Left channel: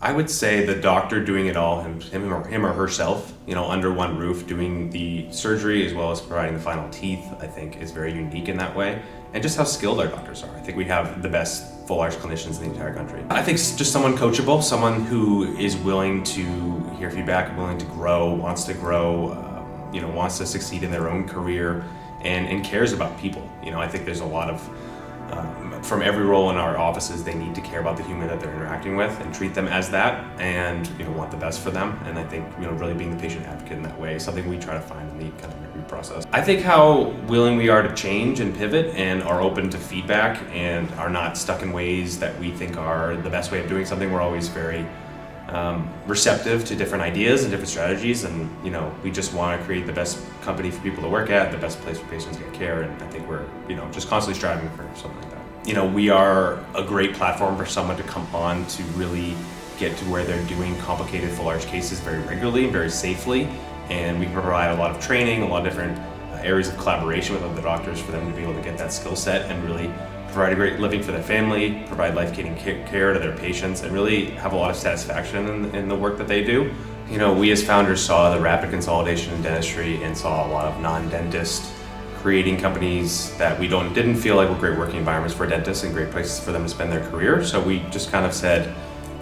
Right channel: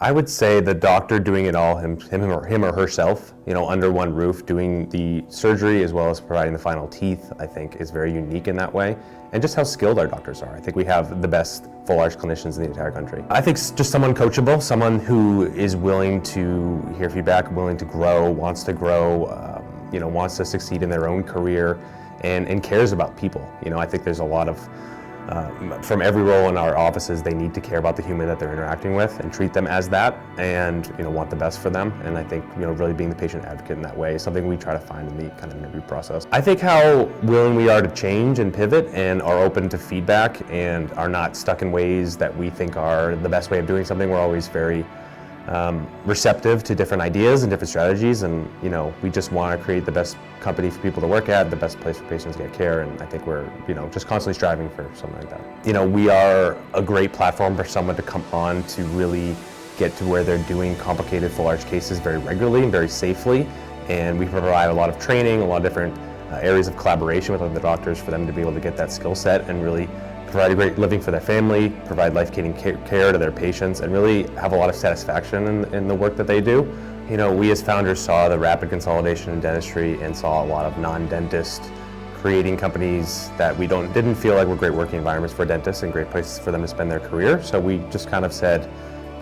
I would say the doctor doing it all, him or herself, under one roof, doing the surgery as well as providing the final teeth, I think is very unique in that way. And just how skilled our doctors are. I think we have the best full arch clinicians in the entire country. I think just someone coachable, someone who is willing to hear feedback, willing to grow, wants to grow, wants to succeed in their own career, and cares about people. I think there's a lot of from every role in our offices, they need to care about the human that they're interacting with and treat them as that, and want the best for them. And I think really being the patient advocate in that way is something we try to find in the kind of interview process. I think how willing we are to change and pivot and are open to feedback and are not stuck in ways that we think are the best way of doing something. We're always very receptive to different ideas and different strategies, and we just want to create the best company for people to work at, the best place for patients to get care, and I think we're just constantly striving for something like that. We are a great platform for someone to come on to really get to where they're doing complicated full arch cases very regularly and very safely, and we provide a lot of training, a lot of different areas of collaboration with other doctors for them to be able to get that skill set and really provide a great living for their family, provide life-giving care to their patients, and really have a lot of satisfaction in the work that they do. We as founders saw the rapid consolidation in dentistry and saw a lot of non-dentists creating companies that we didn't feel like were great working environments for dentists and great places for them to spend their career. So we just kind of said,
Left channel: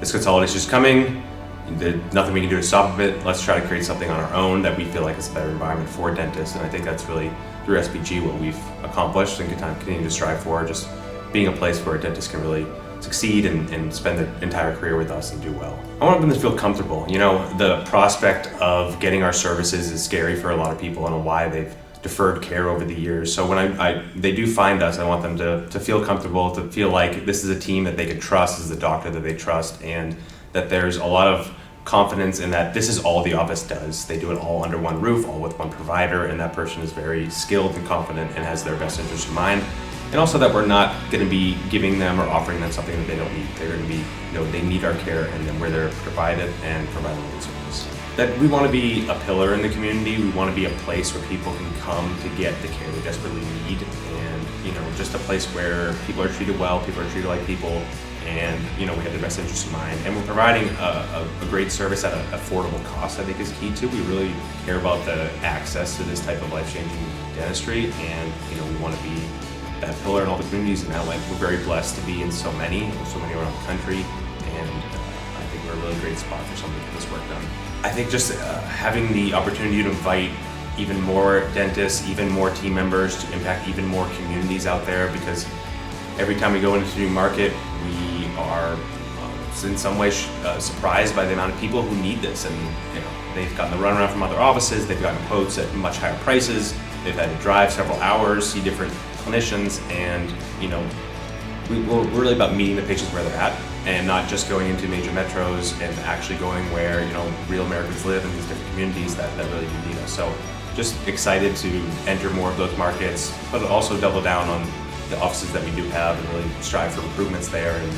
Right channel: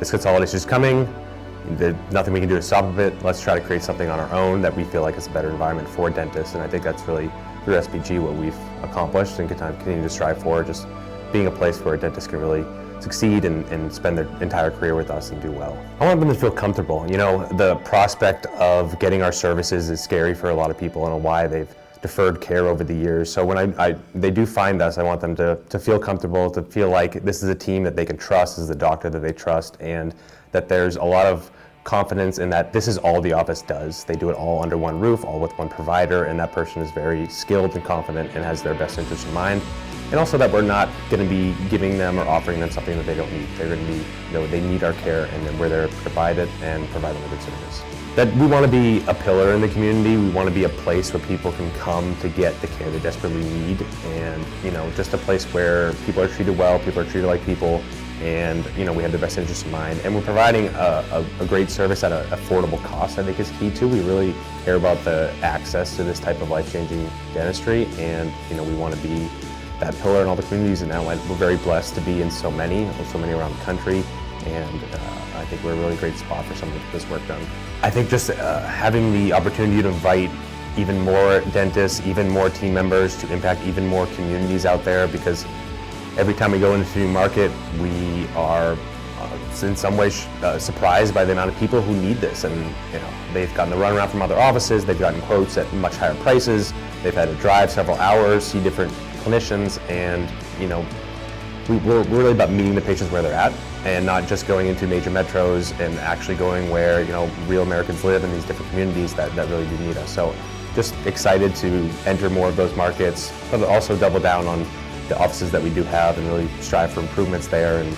this consolidation is coming, there's nothing we can do to stop it, let's try to create something on our own that we feel like is a better environment for dentists. And I think that's really, through SPG, what we've accomplished and continue to strive for, just being a place where dentists can really succeed and spend their entire career with us and do well. I want them to feel comfortable. The prospect of getting our services is scary for a lot of people and why they've deferred care over the years. So when they do find us, I want them to feel comfortable, to feel like this is a team that they can trust, this is a doctor that they trust, and that there's a lot of confidence in that this is all the office does. They do it all under one roof, all with one provider, and that person is very skilled and confident and has their best interest in mind. And also that we're not going to be giving them or offering them something that they don't need. They're going to be, they need our care, and then we're there to provide it and provide them a good service. That we want to be a pillar in the community. We want to be a place where people can come to get the care they desperately need, and just a place where people are treated well, people are treated like people, and we have the best interest in mind, and we're providing a great service at an affordable cost. I think is key too. We really care about the access to this type of life-changing dentistry, and we want to be that pillar in all the communities. And now, we're very blessed to be in so many around the country, and I think we're a really great spot for someone to get this work done. I think just having the opportunity to invite even more dentists, even more team members, to impact even more communities out there, because every time we go into a new market, we are in some way surprised by the amount of people who need this. And they've gotten the runaround from other offices, they've gotten quotes at much higher prices, they've had to drive several hours, see different clinicians, and we're really about meeting the patients where they're at, and not just going into major metros, and actually going where real Americans live in these different communities that really do need us. So just excited to enter more of those markets, but also double down on the offices that we do have and really strive for improvements there, and